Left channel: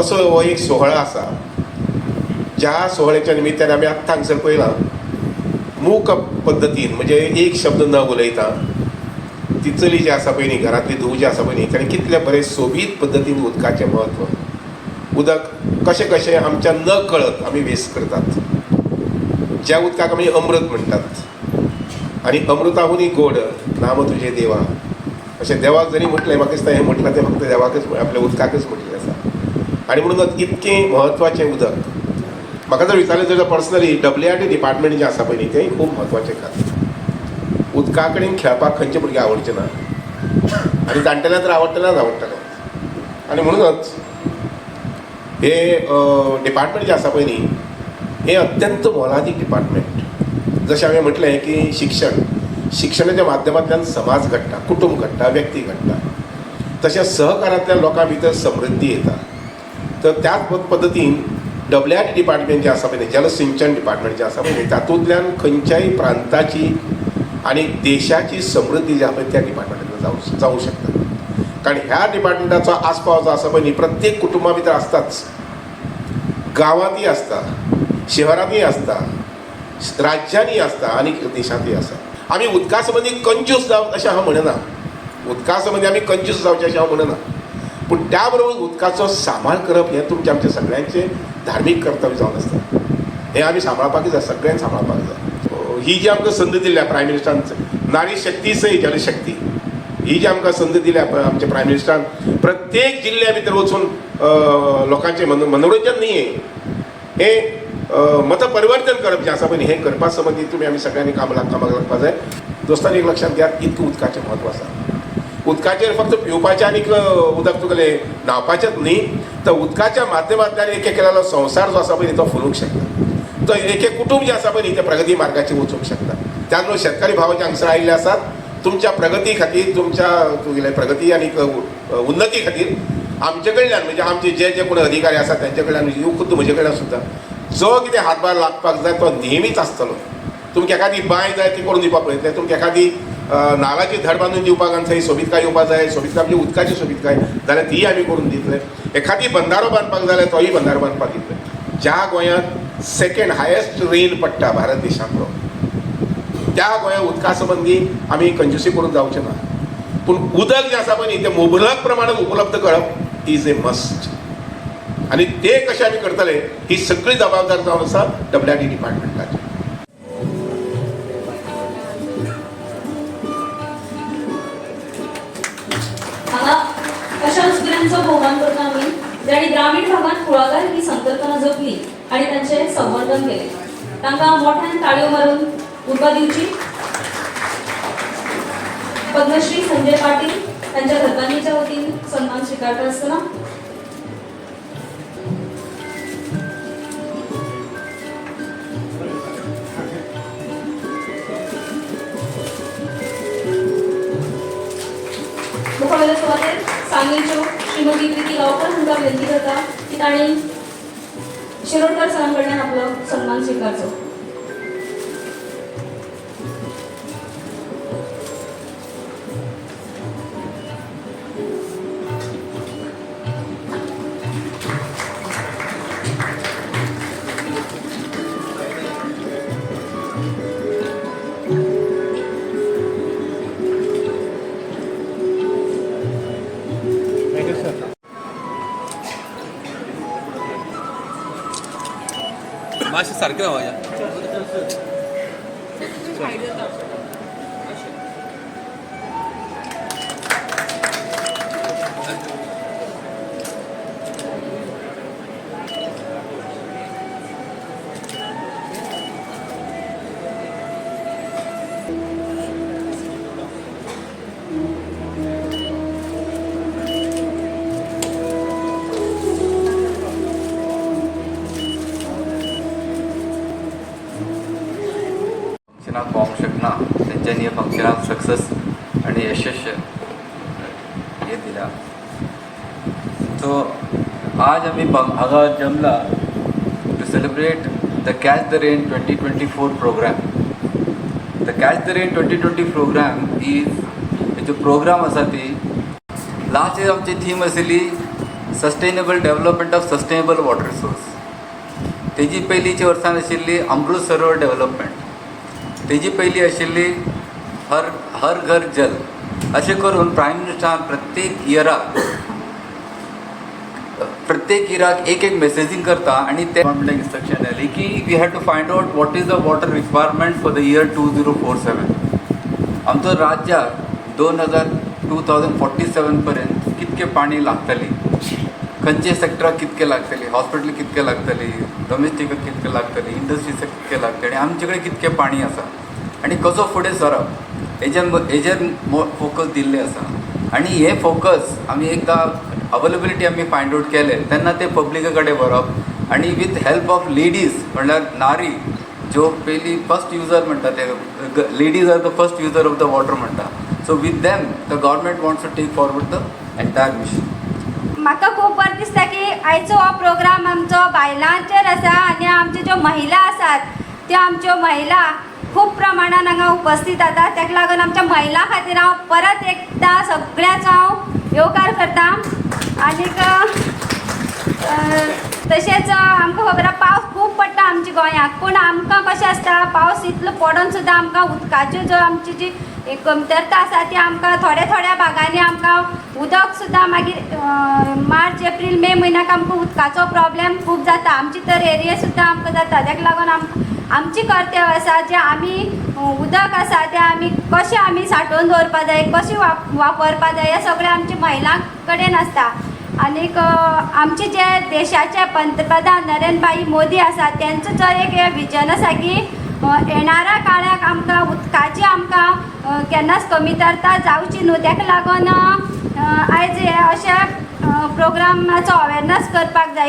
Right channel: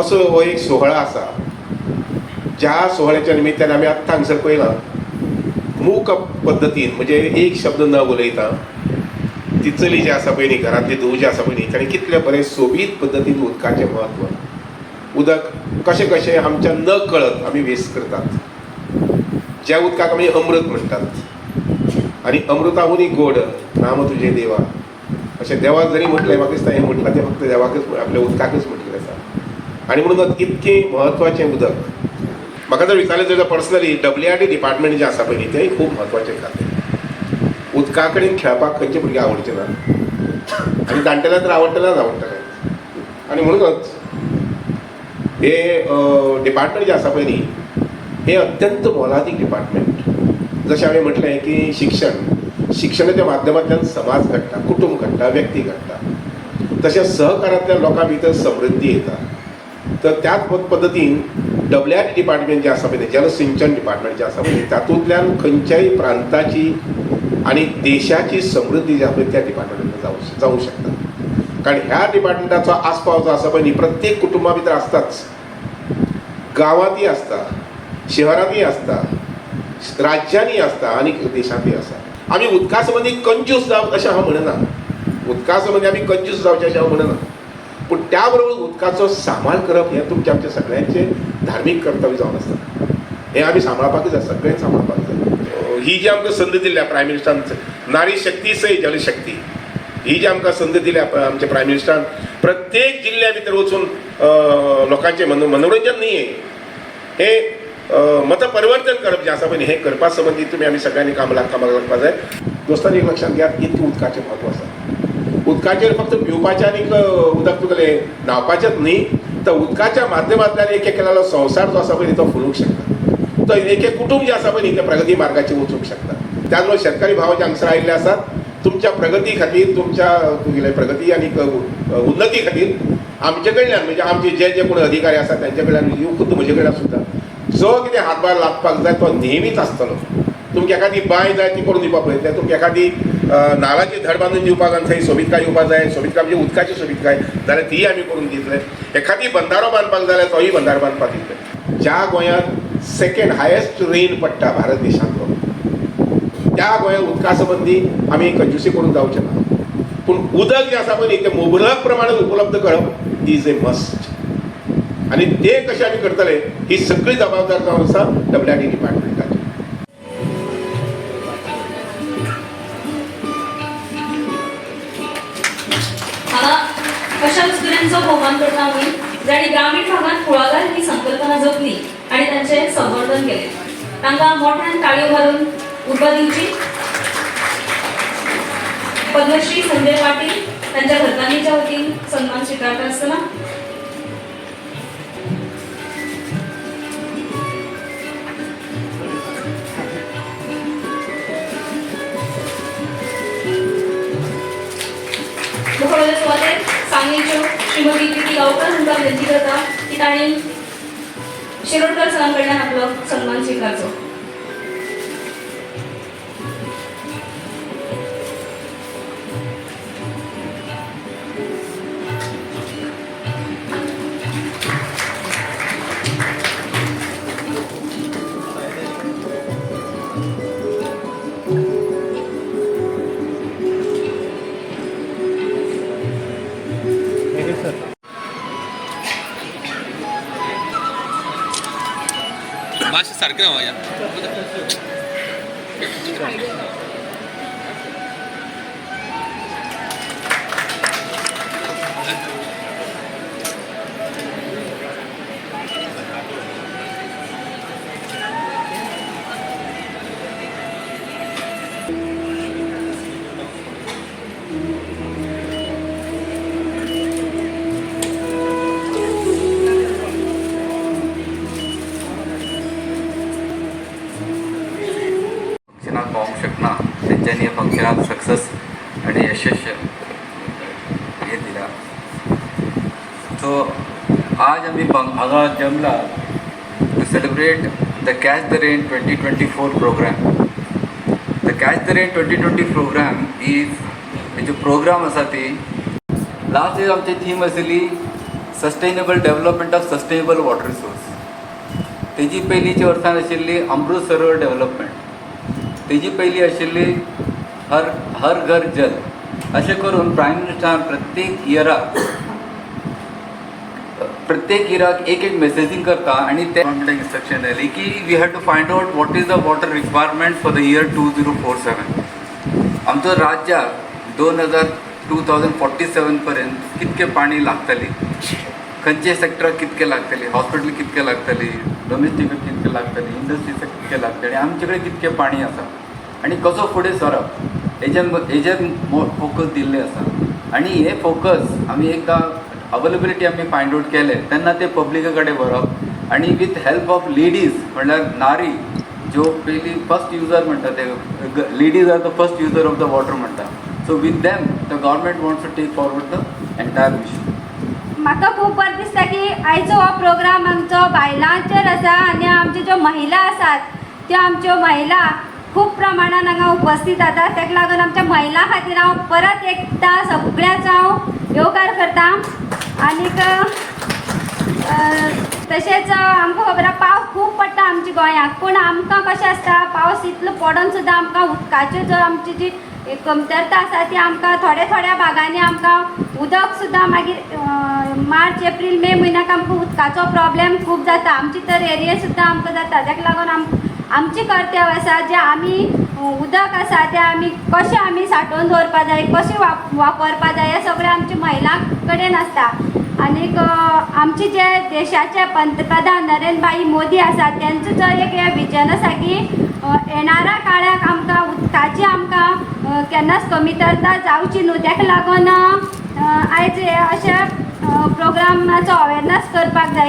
असो हो एक सोहळा आसा ज्या सोहळ्याच्या निमित्तान आमी आत्तां हांगसर पळयलां मूक पद्दतीन म्हणजे एक शब्द न उलयता ती चली जी आसा पळय न्ही घरांतली धूव जी आसा पळय न्ही ताणें कितले बरे सोबीत पद्दतीन उदकाचें म्हत्व उदक कशें कशें आमच्या न कळत आमी वेस्ट करतात. ज्या उदकाक आमी अमृत म्हणटात आनी अमृताहूनय गोड नाम तुजे देवा अशें देवाक जरी म्हटलें म्हाका दिसता हें म्हटलां तें फक्त देवाकच आपल्या उदकाकच म्हटलें आसा. आनी म्हणून इतकें म्हत्वाचें उदक म्हाका जर विचारलें जाल्यार पर्सनली WRD डिपार्टमेंट जें आसा पळय न्ही तेंय खूब म्हत्वाचें खातीर उदका कडेन खेळपाक खंयचे भुरगे आवडचे ना आनी जाणटेल्यां तर आवडटलेच आवडटलें. आनी म्हणूनच हे डिपार्टमेंट जें आसा पळय न्ही हें अत्यंत मोलादीक डिपार्टमेंट. जशें हांवें म्हटलें की शिक्षणाच्या माध्यमांतल्यान समाज घडटा, कुटुंब घडटा, व्यक्ती घडटा. तशें सहकारांतल्या लोकां भितर समृद्धी येता. तर त्याच पद्दतीन WRD डिपार्टमेंट जें आसा पळय जलसिंचन डिपार्टमेंट जें आसा पळय तातूंतल्यान खंयच्याय प्रांताची आनी देशाची समृद्धी जी आसा पळय त्या डिपार्टमेंटान जावंक शकता. कारण ह्या डिपार्टमेंटाचो आस्पाव जो आसा पळय न्ही प्रत्येक कुटुंबा भितर आसताच. गांवांतय आसता, शहरांतय आसता, राज्यांनी आसता आनी देशांतय आसा. आमी उदका संबंदी कंजूस जावप अशें हांव म्हणना. उदका संबंदी आमी कंजूस जावचें अशें हांव म्हणना. पूण त्या बरोबर उदकाचो सांबाळ करप हें तुमचें आमचें सगळ्यांचें धार्मीक कर्तव्य जावन आसता. हें आमी सांबाळपाकूच जाय, सगळ्यांक सांबाळपाक जाय. ही जी आमकां संद दिल्या प्रायम मिनिस्टरान नारी शक्ती सै जलशक्ती ही जी आमकां संद दिल्या आमच्या प्रायम मिनिस्टरान प्रत्येक जिल्ल्या भितर वचून लोकांचें मनोरंजन न्ही हें मतपरिवर्तन करप जें आसा पळय हें करपा संबंदी तुमी आमी सगळ्यांनी कामाक करपा जाय. दोस्तांनी एक लक्षांत घेयात इतकें उदकाचें म्हत्व आसा. उदकाचेर फक्त पिवपाचें आनीक उदक तुगेलें न्हांवपाचेंच न्ही तर उदकाच्या माध्यमांतल्यान एक केलेलो संवसार जो आसा पळय तो फुलूंक शकता. तो एक कुटुंब जें आसा पळय न्ही तें प्रगती मार्गाचेर वचूंक शकता. त्याच बरोबर शेतकरी भाव जे हांगसर आयिल्ले आसात तुमच्या प्रगती खातीर तुमच्या तुगेले प्रगती आनी उन्नती खातीर आमचे कडल्यान म्हणजे आमचे जे कोण अधिकारी आसात तांचे कडल्यान खुद्द म्हजे कडल्यान सुद्दां जो कितें हातभार लागपाक जाय तो नेहमीच आसतलो. तुमकां एखादी बांय जाय ती करून दिवपाक पळयतले, तुमकां एखादी नाल्लाची धड बांदून दिवपाक आनी थंय सोबीतकाय येवपाक जाय, सोबीतकाय म्हणजे उदकाची सोबीतकाय जाल्यार तीय आमी करून दितले. एखादी बंधारो बांदपाक जाल्यार तोय बंधारो बांदपाक दितले. ज्या गोंयांत सेकेंड हायेस्ट रेन पडटा भारत देशांतलो त्या गोंयांत उदका संबंदी आमी कंजूसी करून जावचें ना. पूण उदक जें आसा पळय न्ही तें मुबलक प्रमाणांत उपलब्ध करप इज ए मस्ट. आनी तें कशें आमी करतले ही सगळी जबाबदार जावन आसा WRD डिपार्टमेंटाची. अशा स्त्रियांचं आव्हान करता आम्ही ज्यांनी ग्रामीण भागात कुळागर ही संकल्पना जपली आणि त्यांचे संवर्धन केले. तांकां मोठ्यान ताळयो मारून उर्बा दिवची. पद्मश्री संजय पाटील त्यांच्या घरकान्नीच्या वतीन सन्मान स्वीकारता आसतना मुखावेल्या सुवातेर सांगलीच्यो श्रीमती प्रिती गांवकर हांकां विनंती करता की तांणी शिरोडकर सरां कडल्यान आपलो सन्मान स्वीकारचो. मातशें सारकें राव या पावूंक शकना तेंच्यांनी फंक्शनाक सक्सेस आनी यशस्वी हे दिला. सो आज आमी हांगा जमला to celebrate the catch the rain 2024 program. The catch the rain 2020 program is जो प्रोग्राम आसा ती लास्ट इयर आमची थीम आशिल्ली sustainable development of sustainable water resource. तेजी पयलींची वर्सान आशिल्ली अमृत सरोवर डेव्हलपमेंट. तेजी पयली आशिल्ली हर घर जल. अशें करून प्रायम मिनिस्टरान प्रत्येक इयराक एक मेसेजींग करता आणि ते गव्हर्मेंटाक इन्स्ट्रक्शन दिली की we have to find out what is the water requirement for the year 2047. आमचो राज्याक 2047 पर्यंत कितके पाणी लागतली, खंयचे सेक्टराक कितके लागतली, हॉस्पिटल कितके लागतली, डोमेस्टिकाक कितके लागतली, इंडस्ट्रीसाक कितके लागतली, आमचे कडेन कितके पाणी आसा आणि कसो फुडें सरप हेजेर फोकस दिल्ले आसा. आणि हे फोकस आमी एकदां अवेलेबिलिटी आमी फायंड आउट केले तेन्ना ते पब्लिका कडेन व्हरप आणि विथ हेल्प ऑफ लेडीज म्हणल्यार नारी ज्यो पयली फर्स्ट युजर म्हणटा ते ladies are the first user of the water म्हणटा. So with them the government wants to take forward the entire mission. म्हाका खूब बरें दिसता की आयचो हो प्रोग्राम आमचो बायलांचेर आसा आणि आमच्यो ज्यो महिला आसात त्यो आमच्यो महिला खूब प्रमाणान हांगा उपस्थित जाता. ताका लागून आमच्या महिलां खातीर हांव परत एकदां सगळ्याचो हांव येवकार करता. आनीक तशेंच आमकां खबर आसा पावस खूब पडटा आमच्या गोंयांत, पूण आमकां कशें आसता पावस इतलो पडून सुद्दां आमकां उदकाच्यो जो आमची जी कमतरता आसा ती आमकां थोड्या भागांनी आमकां उदक सुद्दां मागीर मार्च एप्रील मे म्हयन्याक आमकां उदकाचो प्रॉब्लेम खूब जाता. आमचे तर एरिये सुद्दां आमकां जाता. ताका लागून आमची कर्तव्य आसा जे आमी उदक आसा तें आमी कशें आमी सांठोवन दवरपा जाय, कशें वापरपा जाय हें सगळें आमच्या महिलां कडेन आसता. आनीक आमचे जे देशाचे पंतप्रधान नरेंद्र मोदी आसा तेंचो जो एक विजन आसा की येणाऱ्या काळाक आमकां उदकाची आमकां केन्नाच कमीतरता जावची न्हू. ताका लागून आयज हे अशे प्रोग्रामाचो अवेरनस करपाक जाय.